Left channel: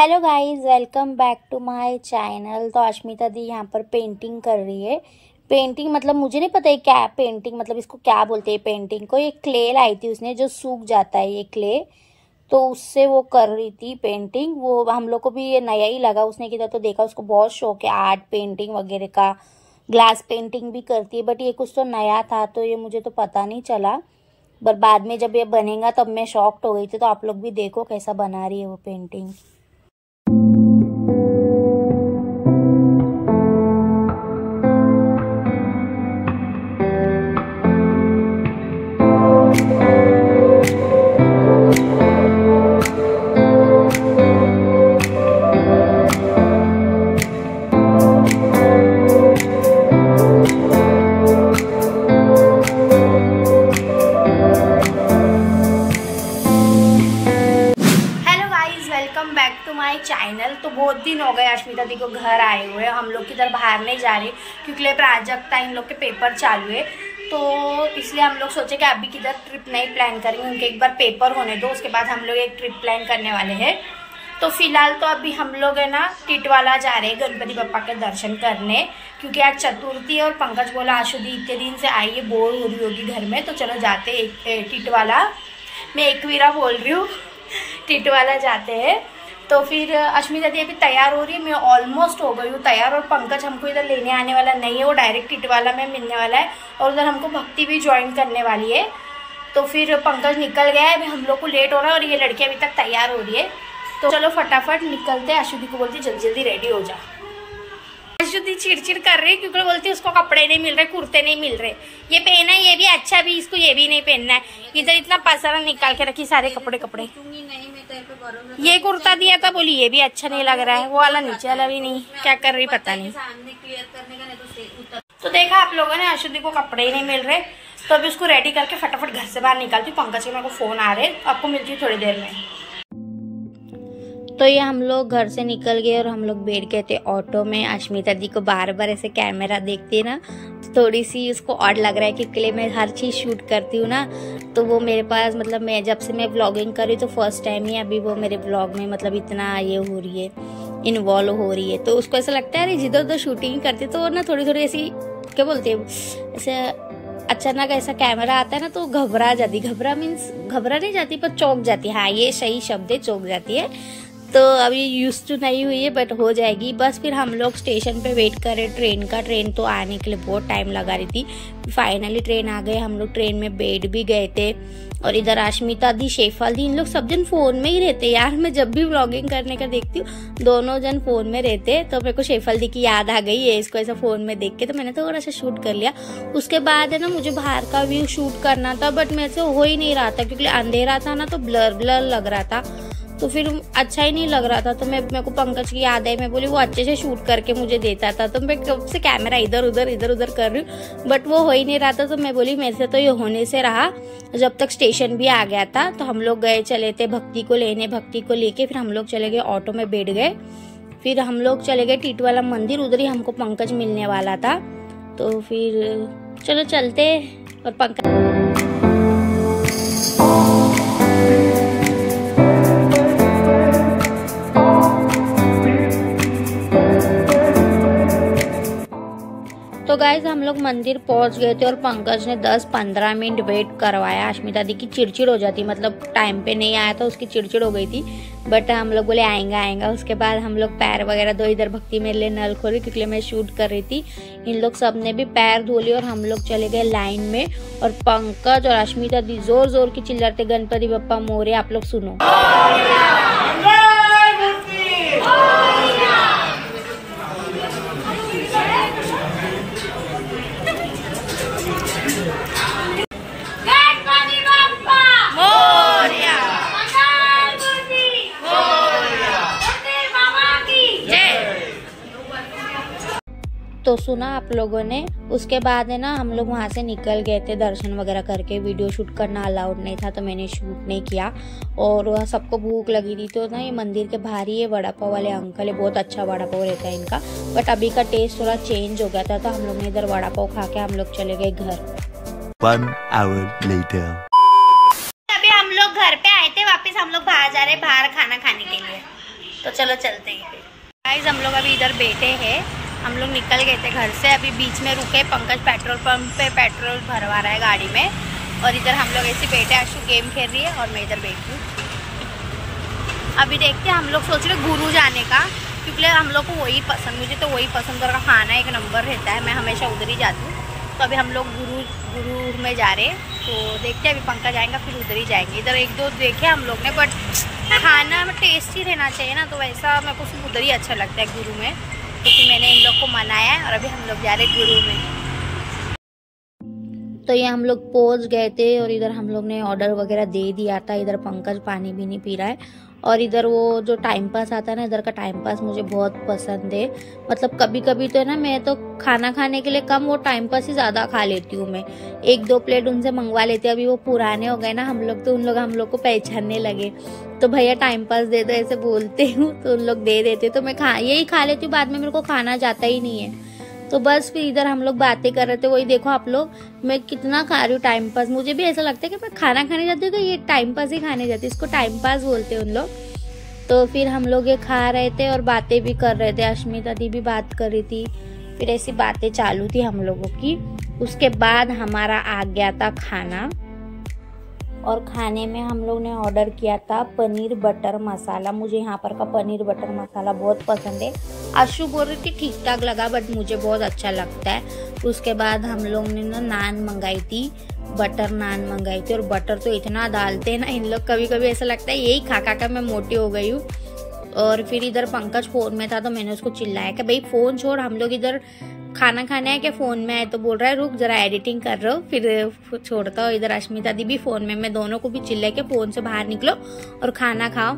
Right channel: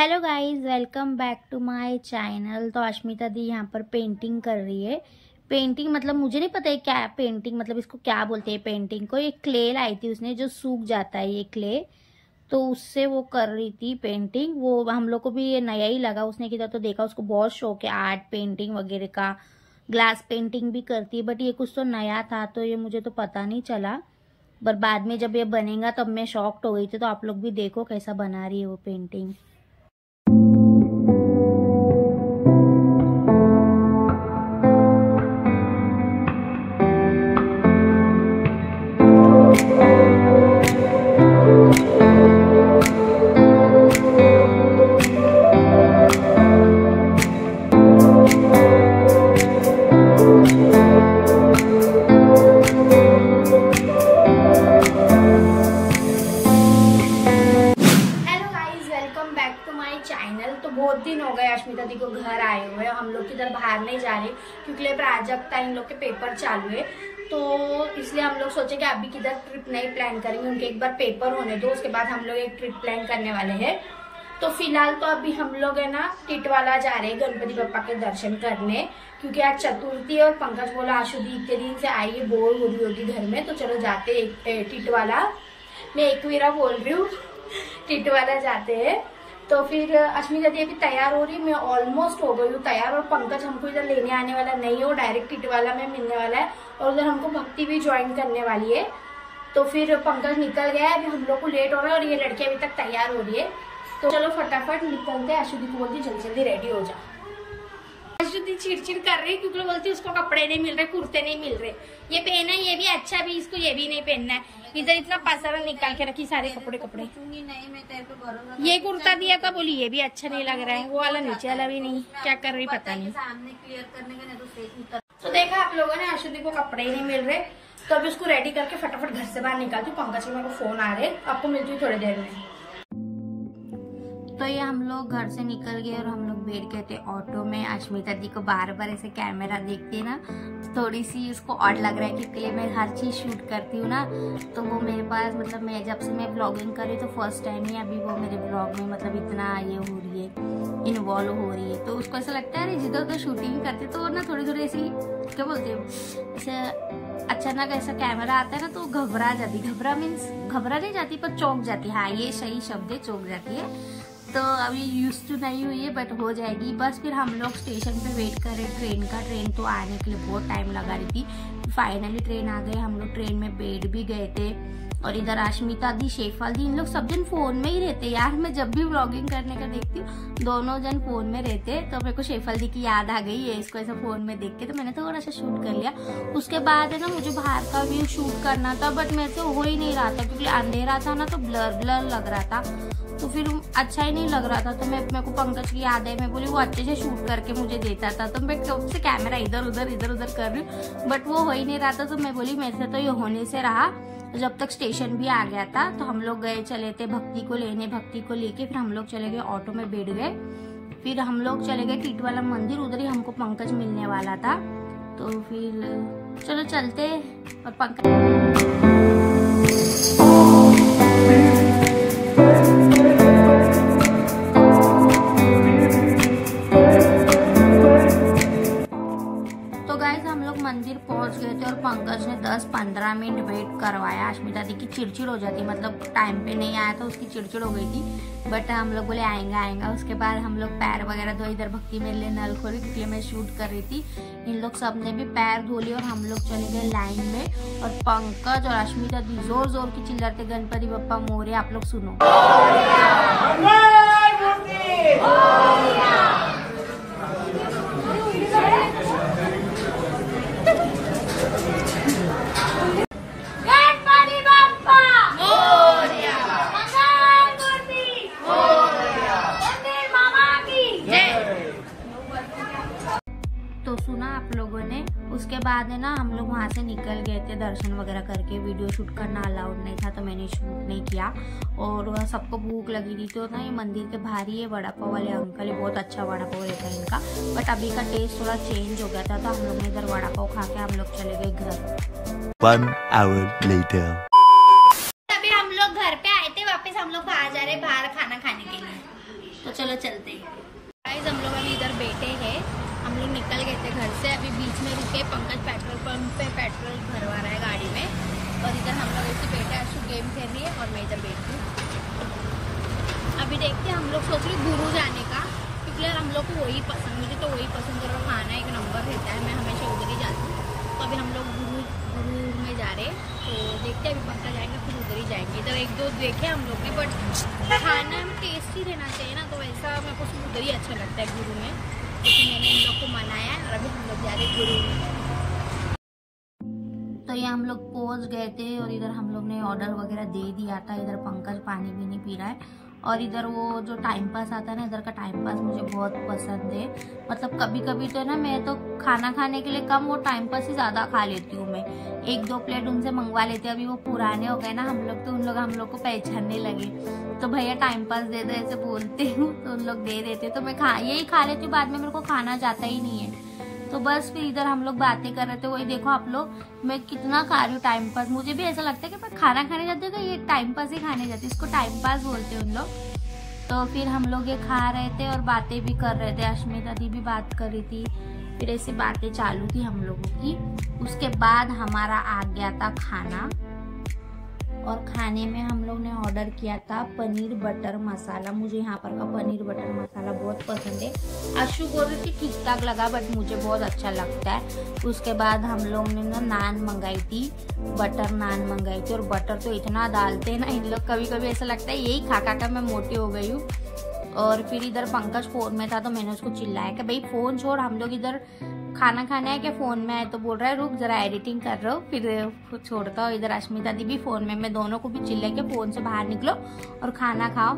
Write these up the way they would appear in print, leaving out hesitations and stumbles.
Hello guys, welcome back to my channel. तो अश्मिता दी यहाँ पर पेंटिंग कर रही है। पेंटिंग मतलब मुझे नहीं पता है क्या पेंटिंग मतलब इसको क्या बोलते हैं। पेंटिंग को एक क्ले लाई थी उसने जो सूख जाता है ये क्ले, तो उससे वो कर रही थी पेंटिंग। वो हम लोग को भी ये नया ही लगा, उसने किया तो देखा, उसको बहुत शौक है आर्ट पेंटिंग वगैरह का। ग्लास पेंटिंग भी करती है, बट ये कुछ तो नया था तो ये मुझे तो पता नहीं चला। बट बाद में जब ये बनेगा तब मैं शॉक्ड हो गई थी। तो आप लोग भी देखो कैसा बना रही है वो पेंटिंग। चैनल तो बहुत दिन हो गए अश्मिता दी को घर आए हुए। हम लोग किधर बाहर नहीं जा रहे क्योंकि प्राजक्ता इन लोग के पेपर चालू है, तो इसलिए हम लोग सोचे कि अभी किधर ट्रिप नहीं प्लान करेंगे, उनके एक बार पेपर होने दो, उसके बाद हम लोग एक ट्रिप प्लान करने वाले हैं। तो फिलहाल तो अभी हम लोग है ना टिटवाला जा रहे हैं गणपति बप्पा के दर्शन करने, क्योंकि आज चतुर्थी है और पंकज बोला आशुदी इतने दिन से आई है, बोर हो रही होगी घर में, तो चलो जाते टिटवाला। मैं एकवीरा बोल रही हूँ, टिटवाला जाते हैं। तो फिर अश्मिता दी अभी तैयार हो रही है, मैं ऑलमोस्ट हो गई हूँ तैयार। और पंकज हमको इधर लेने आने वाला नहीं है, वो डायरेक्ट टिटवाला में मिलने वाला है और उधर हमको भक्ति भी ज्वाइन करने वाली है। तो फिर पंकज निकल गया है, अभी हम लोग को लेट हो रहा है और ये लड़की अभी तक तैयार हो रही है। तो चलो फटाफट निकलते हैं। अश्विनी को बोलती जल्दी जल्दी रेडी हो जा। अश्विनी चिड़चिड़ कर रही है क्योंकि बोलती उसको कपड़े नहीं मिल रहे, कुर्ते नहीं मिल रहे। ये पहना है ये भी अच्छा भी, इसको ये भी नहीं पहनना है। इधर इतना पसारा निकाल के रखी सारे कपड़े। ये कुर्ता दिया था, बोली ये भी अच्छा नहीं लग रहा है, वो वाला नीचे वाला भी नहीं, क्या कर रही पता नहीं। तो देखा आप लोगों ने अश्विनी को कपड़े ही नहीं मिल रहे, तो अभी उसको रेडी करके फटाफट घर से बाहर निकालती हूँ। पंकज के मेरे को फोन आ रहे, आपको मिलती हूँ थोड़ी देर में। तो ये हम लोग घर से निकल गए और हम लोग बैठ गए थे ऑटो में। अश्मिता दी को बार बार ऐसे कैमरा देखती है ना, तो थोड़ी सी उसको ऑड लग रहा है क्योंकि मैं हर चीज़ शूट करती हूँ ना, तो वो मेरे पास मतलब मैं जब से मैं व्लॉगिंग कर रही हूँ तो फर्स्ट टाइम ही अभी वो मेरे व्लॉग में मतलब इतना ये हो रही है, इन्वॉल्व हो रही है। तो उसको ऐसा लगता है अरे जिधर उधर शूटिंग करती तो ना थोड़ी थोड़ी ऐसी क्या बोलते हैं, ऐसे अचानक ऐसा कैमरा आता है ना तो घबरा जाती। घबरा मीन्स घबरा नहीं जाती पर चौंक जाती, हाँ ये सही शब्द है, चौंक जाती है। तो अभी यूज टू नहीं हुई है बट हो जाएगी। बस फिर हम लोग स्टेशन पे वेट कर रहे ट्रेन का। ट्रेन तो आने के लिए बहुत टाइम लगा रही थी, फाइनली ट्रेन आ गए। हम लोग ट्रेन में बैठ भी गए थे। और इधर अश्मिता दी, शेफाल दी, इन लोग सब जन फोन में ही रहते यार। मैं जब भी व्लॉगिंग करने का देखती हूँ दोनों जन फोन में रहते, तो मेरे को शेफाल दी की याद आ गई है इसको ऐसा फोन में देख के, तो मैंने थोड़ा सा शूट कर लिया। उसके बाद है ना मुझे बाहर का व्यू शूट करना था बट मेरे से हो ही नहीं रहा था क्योंकि अंधेरा था ना, तो ब्लर ब्लर लग रहा था, तो फिर अच्छा ही नहीं लग रहा था। तो मेरे को पंकज की याद है, मैं बोली वो अच्छे से शूट करके मुझे देता था, तो मैं कब से कैमरा इधर उधर कर रही हूँ बट वो हो ही नहीं रहा था। तो मैं बोली मेरे से तो ये होने से रहा। जब तक स्टेशन भी आ गया था तो हम लोग गए चले थे भक्ति को लेने। भक्ति को लेके फिर हम लोग चले गए ऑटो में बैठ गए। फिर हम लोग चले गए टिटवाला मंदिर, उधर ही हमको पंकज मिलने वाला था। तो फिर चलो चलते और पंकज तो गाइज हम लोग मंदिर पहुंच गए थे और पंकज ने 10-15 मिनट वेट करवाया। अश्मिता दी की चिड़चिड़ हो जाती, मतलब टाइम पे नहीं आया था उसकी चिड़चिड़ हो गई थी, बट हम लोग बोले आएंगा। उसके बाद हम लोग पैर वगैरह धो, इधर भक्ति मेरे लिए नल खोली क्योंकि मैं शूट कर रही थी। इन लोग सब ने भी पैर धो लिए और हम लोग चले गए लाइन में। और पंकज और अश्मिता दी जोर जोर की चिल्लाते गणपति बप्पा मोरे। आप लोग सुनो। तो सुना आप लोगों ने। उसके बाद है ना हम लोग वहाँ से निकल गए थे दर्शन वगैरह करके। वीडियो शूट करना अलाउड नहीं था तो मैंने शूट नहीं किया। और सबको भूख लगी थी तो ना ये मंदिर के बाहर ही ये वड़ा पाव वाले अंकल है, बहुत अच्छा वड़ा पाव रहता है इनका, बट अभी का टेस्ट थोड़ा चेंज हो गया था तो हम लोग ने इधर वड़ा पाव खा के हम लोग चले गए घर। 1 hour later. अभी हम लोग घर पे आए थे, वापस हम लोग बाहर जा रहे हैं बाहर खाना खाने के लिए। तो चलो चलते हैं गाइस। हम लोग अभी इधर बैठे हैं, हम लोग निकल गए थे घर से, अभी बीच में रुके। पंकज पेट्रोल पंप पे पेट्रोल भरवा रहा है गाड़ी में, और इधर हम लोग ऐसे बैठे। आशु गेम खेल रही है और मैं इधर बैठी हूँ। अभी देखते हैं, हम लोग सोच रहे गुरु जाने का, क्योंकि हम लोग को वही पसंद, मुझे तो वही पसंद का खाना एक नंबर रहता है, मैं हमेशा उधर ही जाती हूँ। तो अभी हम लोग गुरु में जा रहे हैं, तो देखते हैं अभी पंकज जाएंगे फिर उधर ही जाएंगे। इधर एक दो देखे हम लोग ने, बट खाना में टेस्टी रहना चाहिए ना, तो वैसा मेरे को सिर्फ उधर ही अच्छा लगता है गुरु में। तो फिर मैंने इन लोग को मनाया है और अभी हम लोग जा रहे गुरु में। तो ये हम लोग पहुंच गए थे और इधर हम लोग ने ऑर्डर वगैरह दे दिया था। इधर पंकज पानी भी नहीं पी रहा है, और इधर वो जो टाइम पास आता है ना, इधर का टाइम पास मुझे बहुत पसंद है। मतलब कभी कभी तो है ना, मैं तो खाना खाने के लिए कम वो टाइम पास ही ज़्यादा खा लेती हूँ। मैं 1-2 प्लेट उनसे मंगवा लेती हूँ। अभी वो पुराने हो गए ना हम लोग, तो उन लोग हम लोग को पहचानने लगे। तो भैया टाइम पास दे दो ऐसे बोलते हूँ, तो उन लोग दे देते, तो मैं यही खा लेती हूँ। बाद में मेरे को खाना जाता ही नहीं है। तो बस फिर इधर हम लोग बातें कर रहे थे। वही देखो आप लोग, मैं कितना खा रही हूँ टाइम पास। मुझे भी ऐसा लगता है कि मैं खाना खाने जाती हूँ, ये टाइम पास ही खाने जाती हूँ। इसको टाइम पास बोलते हैं उन लोग। तो फिर हम लोग ये खा रहे थे और बातें भी कर रहे थे। अश्मिता दी भी बात कर रही थी, फिर ऐसी बातें चालू थी हम लोगों की। उसके बाद हमारा आ गया था खाना, और खाने में हम लोग ने ऑर्डर किया था पनीर बटर मसाला। मुझे यहाँ पर का पनीर बटर मसाला बहुत पसंद है। आशु बोल रही थी ठीक ठाक लगा, बट मुझे बहुत अच्छा लगता है। उसके बाद हम लोग ने ना नान मंगाई थी, बटर नान मंगाई थी। और बटर तो इतना डालते हैं ना इन लोग, कभी कभी ऐसा लगता है यही खा खा कर मैं मोटी हो गई हूँ। और फिर इधर पंकज फ़ोन में था, तो मैंने उसको चिल्लाया कि भाई फ़ोन छोड़, हम लोग इधर खाना खाना है कि फ़ोन में आए। तो बोल रहा है रुक जरा एडिटिंग कर रहा हूँ, फिर छोड़ता हूँ। इधर अश्मिता दी भी फ़ोन में, मैं दोनों को भी चिल्लाया कि फ़ोन से बाहर निकलो और खाना खाओ।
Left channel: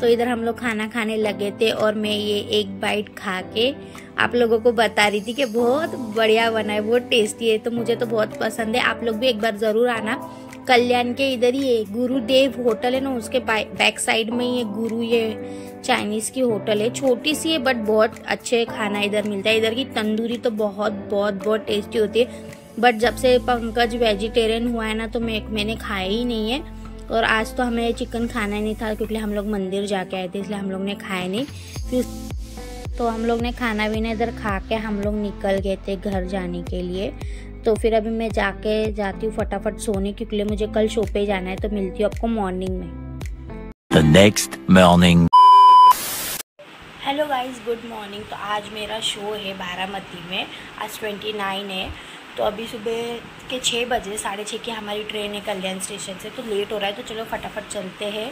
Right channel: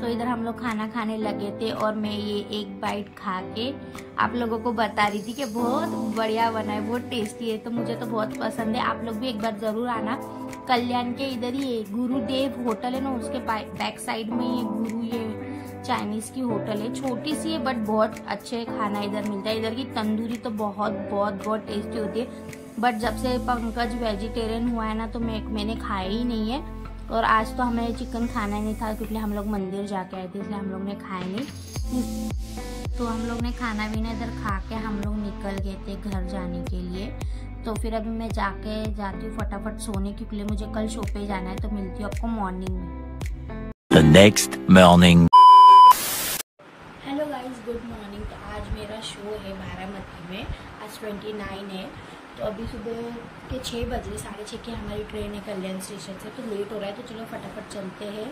तो इधर हम लोग खाना खाने लगे थे, और मैं ये एक बाइट खा के आप लोगों को बता रही थी कि बहुत बढ़िया बना है, बहुत टेस्टी है। तो मुझे तो बहुत पसंद है, आप लोग भी एक बार ज़रूर आना। कल्याण के इधर ही है गुरुदेव होटल है ना, उसके बैक साइड में ये गुरु ये चाइनीज़ की होटल है। छोटी सी है बट बहुत अच्छे खाना इधर मिलता है। इधर की तंदूरी तो बहुत बहुत बहुत टेस्टी होती है। बट जब से पंकज वेजिटेरियन हुआ है ना, तो मैंने खाया ही नहीं है। और आज तो हमें चिकन खाना ही नहीं था, क्योंकि हम लोग मंदिर जाके आए थे, इसलिए हम लोग ने खाया नहीं। फिर तो हम लोग ने खाना भी इधर खा के हम लोग निकल गए थे घर जाने के लिए। तो फिर अभी मैं जाती हूँ फटाफट सोने, क्योंकि मुझे कल शो पे जाना है। तो मिलती हूँ आपको मॉर्निंग में। The next morning. Hello guys, good morning. तो आज मेरा शो है बारामती में, आज 29 है। तो अभी सुबह के 6 बजे, 6:30 की हमारी ट्रेन है कल्याण स्टेशन से। तो लेट हो रहा है, तो चलो फटाफट चलते हैं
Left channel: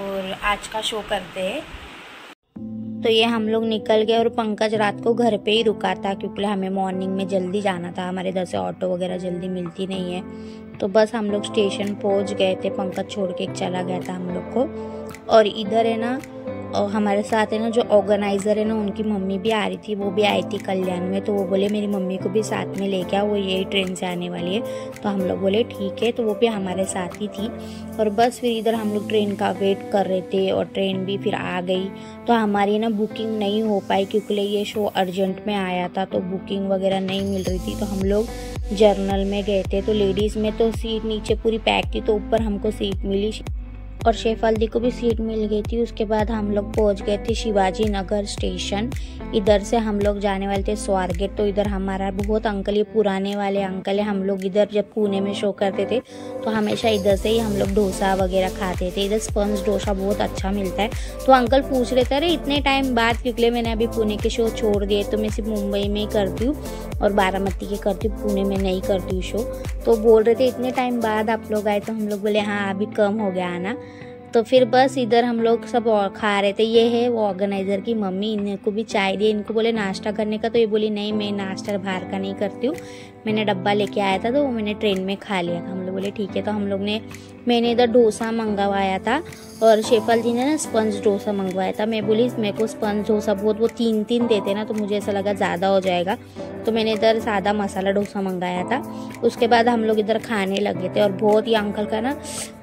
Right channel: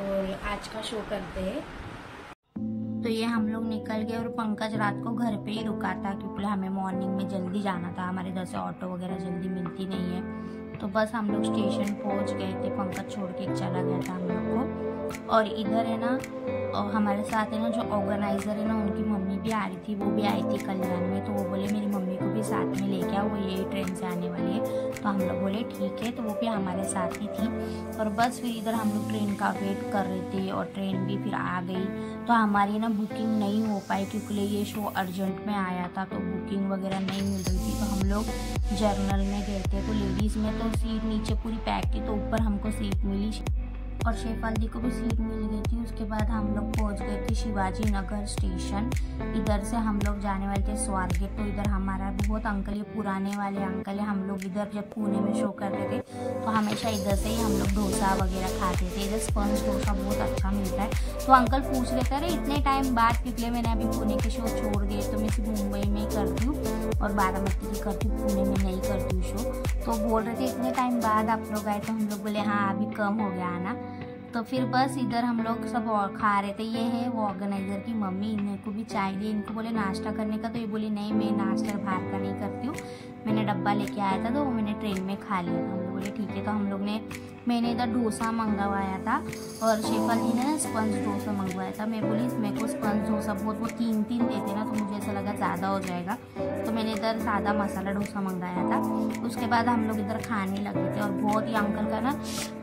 और आज का शो करते हैं। तो ये हम लोग निकल गए, और पंकज रात को घर पे ही रुका था, क्योंकि हमें मॉर्निंग में जल्दी जाना था। हमारे इधर से ऑटो वगैरह जल्दी मिलती नहीं है। तो बस हम लोग स्टेशन पहुंच गए थे, पंकज छोड़ के चला गया था हम लोग को। और इधर है ना, और हमारे साथ है ना जो ऑर्गेनाइज़र है ना, उनकी मम्मी भी आ रही थी, वो भी आई थी कल्याण में। तो वो बोले मेरी मम्मी को भी साथ में लेके आओ, वो यही ट्रेन से आने वाली है। तो हम लोग बोले ठीक है, तो वो भी हमारे साथ ही थी। और बस फिर इधर हम लोग ट्रेन का वेट कर रहे थे, और ट्रेन भी फिर आ गई। तो हमारी ना बुकिंग नहीं हो पाई, क्योंकि ये शो अर्जेंट में आया था, तो बुकिंग वगैरह नहीं मिल रही थी। तो हम लोग जर्नल में गए थे। तो लेडीज़ में तो सीट नीचे पूरी पैक थी, तो ऊपर हमको सीट मिली, और शेफाल्दी को भी सीट मिल गई थी। उसके बाद हम लोग पहुंच गए थे शिवाजी नगर स्टेशन। इधर से हम लोग जाने वाले थे स्वारगेट। तो इधर हमारा बहुत अंकल, ये पुराने वाले अंकल है। हम लोग इधर जब पुणे में शो करते थे, तो हमेशा इधर से ही हम लोग डोसा वगैरह खाते थे। इधर स्पंज डोसा बहुत अच्छा मिलता है। तो अंकल पूछ रहे थे अरे इतने टाइम बाद, क्योंकि मैंने अभी पुणे के शो छोड़ दिए, तो मैं सिर्फ मुंबई में ही करती हूँ और बारामती की करती हूँ, पुणे में नहीं करती हूँ शो। तो बोल रहे थे इतने टाइम बाद आप लोग आए। तो हम लोग बोले हाँ अभी कम हो गया आना। तो फिर बस इधर हम लोग सब और खा रहे थे। ये है वो ऑर्गेनाइज़र की मम्मी, इनको भी चाय दी। इनको बोले नाश्ता करने का, तो ये बोली नहीं मैं नाश्ता बाहर का नहीं करती हूँ, मैंने डब्बा लेके आया था, तो वो मैंने ट्रेन में खा लिया था। हम लोग बोले ठीक है। तो हम लोग ने, मैंने इधर डोसा मंगवाया था, और शेफल जी ने ना स्पंज डोसा मंगवाया था। मैं बोली मेरे को स्पंज डोसा बहुत, वो 3-3 देते ना, तो मुझे ऐसा लगा ज़्यादा हो जाएगा, तो मैंने इधर सादा मसाला डोसा मंगाया था। उसके बाद हम लोग इधर खाने लगे थे, और बहुत ही अंकल का ना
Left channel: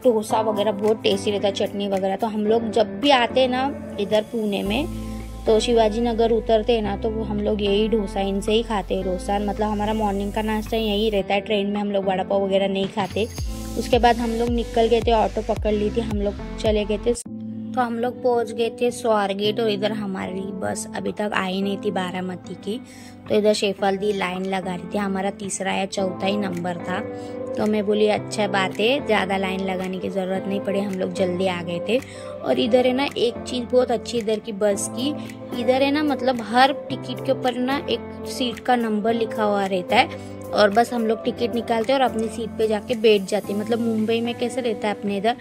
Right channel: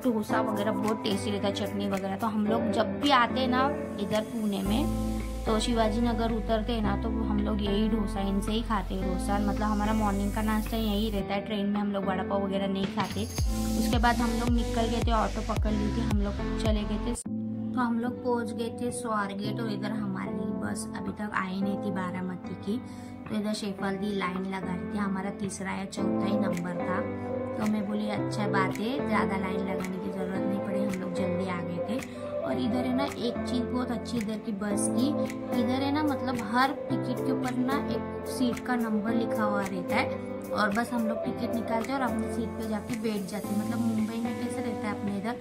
डोसा वगैरह बहुत टेस्टी रहता है, चटनी वगैरह। तो हम लोग जब भी आते हैं ना इधर पुणे में, तो शिवाजी नगर उतरते हैं ना, तो हम लोग यही डोसा इनसे ही खाते हैं। डोसा मतलब हमारा मॉर्निंग का नाश्ता यही रहता है। ट्रेन में हम लोग वड़ा पाव वगैरह नहीं खाते। उसके बाद हम लोग निकल गए थे, ऑटो पकड़ ली थी, हम लोग चले गए थे। तो हम लोग पहुंच गए थे स्वारगेट और इधर हमारी बस अभी तक आई नहीं थी बारामती की। तो इधर शेफाल्दी लाइन लगा रही थी, हमारा तीसरा या चौथा ही नंबर था। तो मैं बोली अच्छा बात है, ज़्यादा लाइन लगाने की ज़रूरत नहीं पड़ी, हम लोग जल्दी आ गए थे। और इधर है ना एक चीज़ बहुत अच्छी इधर की बस की, इधर है ना मतलब हर टिकट के ऊपर ना एक सीट का नंबर लिखा हुआ रहता है और बस हम लोग टिकट निकालते हैं और अपनी सीट पे जाके बैठ जाते हैं। मतलब मुंबई में कैसे रहता है अपने इधर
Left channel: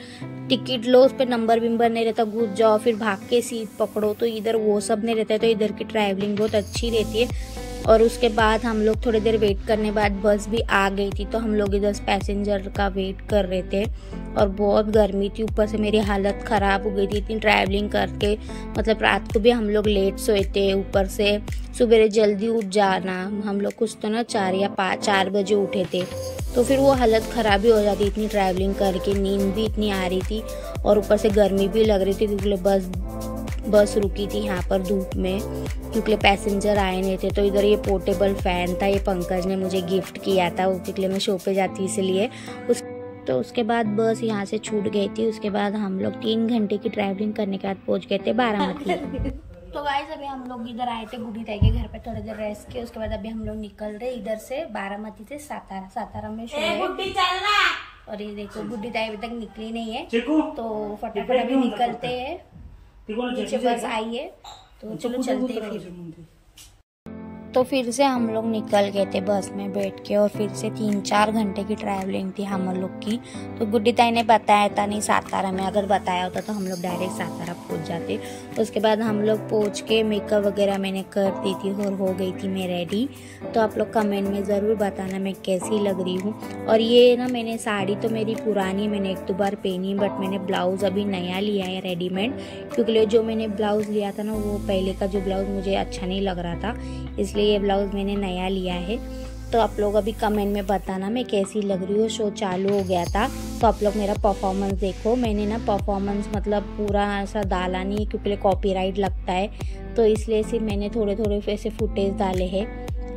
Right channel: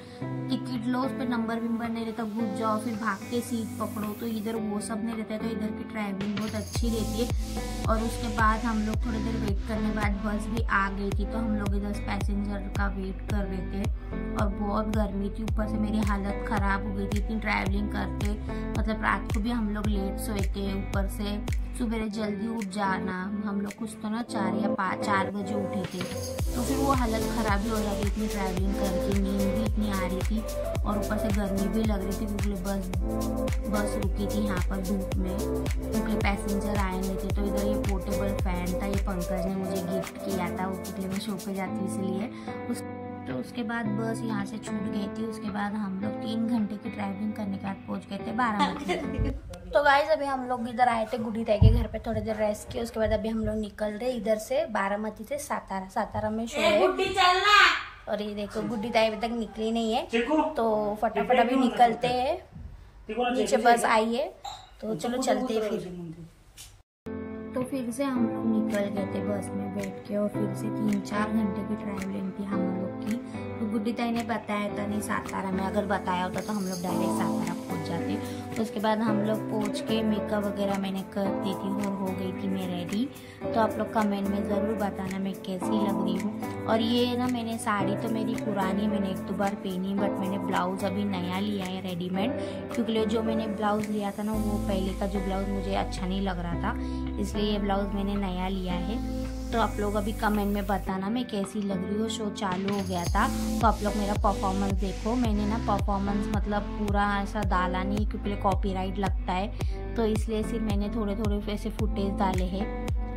टिकट लो, उस पर नंबर विंबर नहीं रहता, घुस जाओ फिर भाग के सीट पकड़ो, तो इधर वो सब नहीं रहता है। तो इधर की ट्रैवलिंग बहुत अच्छी रहती है। और उसके बाद हम लोग थोड़ी देर वेट करने बाद बस भी आ गई थी, तो हम लोग इधर पैसेंजर का वेट कर रहे थे और बहुत गर्मी थी, ऊपर से मेरी हालत ख़राब हो गई थी इतनी ट्रैवलिंग करके। मतलब रात को भी हम लोग लेट सोए थे, ऊपर से सुबह जल्दी उठ जाना, हम लोग कुछ तो ना 4 या 4 बजे उठे थे, तो फिर वो हालत ख़राब ही हो जाती इतनी ट्रैवलिंग करके, नींद भी इतनी आ रही थी और ऊपर से गर्मी भी लग रही थी क्योंकि बस रुकी थी यहाँ पर धूप में, क्योंकि पैसेंजर आए नहीं थे। तो इधर ये पोर्टेबल फ़ैन था, ये पंकज ने मुझे गिफ्ट किया था, उसके मैं शो पे जाती इसलिए तो उसके बाद बस यहाँ से छूट गई थी। उसके बाद हम लोग 3 घंटे की ट्रैवलिंग करने के बाद पहुँच गए थे बारामती। तो गाइस अभी हम लोग इधर आए थे गुड्डी ताई के घर पे, थोड़ी देर रेस्ट किए, उसके बाद अभी हम लोग निकल रहे इधर से बारामती से सातारा में शो है। और ये देखो गुड्डी ताई अभी तक निकली नहीं है, तो फटाफट अभी निकलते हैं, नीचे बस आई है तो चलो चलते हैं फिर। तो फिर से हम लोग निकल गए थे बस में बैठ के और फिर से 3-4 घंटे की ट्रैवलिंग थी हम लोग की। तो गुड्डी ताई ने बताया था नहीं सातारा में, अगर बताया होता तो हम लोग डायरेक्ट सातारा पहुंच जाते। उसके बाद हम लोग पहुंच के मेकअप वगैरह मैंने कर दी थी और हो गई थी मैं रेडी। तो आप लोग कमेंट में ज़रूर बताना मैं कैसी लग रही हूँ। और ये ना मैंने साड़ी तो मेरी पुरानी मैंने 1-2 बार पहनी, बट मैंने ब्लाउज़ अभी नया लिया है रेडीमेड, क्योंकि जो मैंने ब्लाउज़ लिया था ना वो पहले का जो ब्लाउज़ मुझे अच्छा नहीं लग रहा था, इसलिए ये ब्लाउज़ मैंने नया लिया है। तो आप लोग अभी कमेंट में बताना मैं कैसी लग रही हूँ। शो चालू हो गया था तो आप लोग मेरा परफॉर्मेंस देखो। मैंने ना परफॉर्मेंस मतलब पूरा ऐसा डाला नहीं क्योंकि कॉपीराइट लगता है, तो इसलिए सिर्फ मैंने थोड़े ऐसे फुटेज डाले हैं,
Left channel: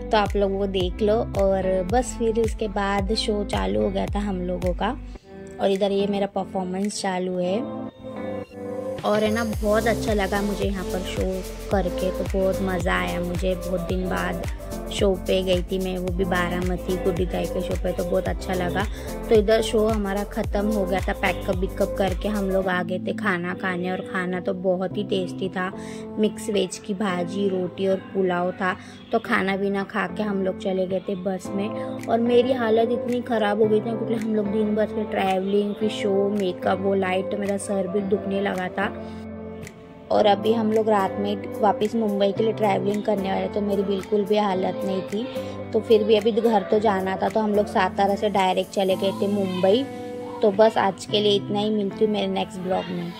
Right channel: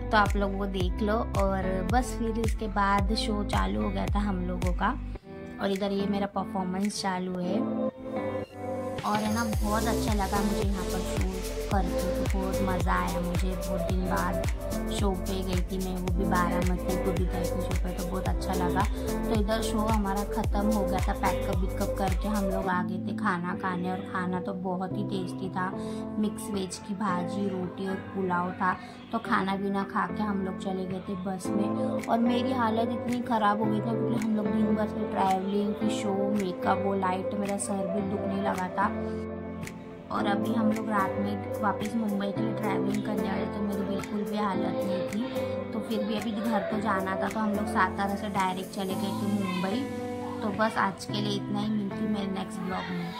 तो आप लोग वो देख लो। और बस फिर इसके बाद शो चालू हो गया था हम लोगों का और इधर ये मेरा परफॉर्मेंस चालू है। और है ना बहुत अच्छा लगा मुझे यहाँ पर शो करके, तो बहुत मज़ा आया मुझे। बहुत दिन बाद शो पे गई थी मैं, वो भी बारामती गुड्डी ताई के शो पे, तो बहुत अच्छा लगा। तो इधर शो हमारा ख़त्म हो गया था, पैकअप बिकअप करके हम लोग आ गए थे खाना खाने। और खाना तो बहुत ही टेस्टी था, मिक्स वेज की भाजी, रोटी और पुलाव था। तो खाना पीना खा के हम लोग चले गए थे बस में। और मेरी हालत इतनी ख़राब हो गई थी क्योंकि हम लोग दिन भर से ट्रैवलिंग, फिर शो, मेकअप, वो लाइट, मेरा सर भी दुखने लगा था। और अभी हम लोग रात में वापस मुंबई के लिए ट्रैवलिंग करने वाले, तो मेरी बिल्कुल भी हालत नहीं थी। तो फिर भी अभी घर तो जाना था, तो हम लोग सातारा से डायरेक्ट चले गए थे मुंबई। तो बस आज के लिए इतना ही, मिलती हूँ मेरे नेक्स्ट ब्लॉग में।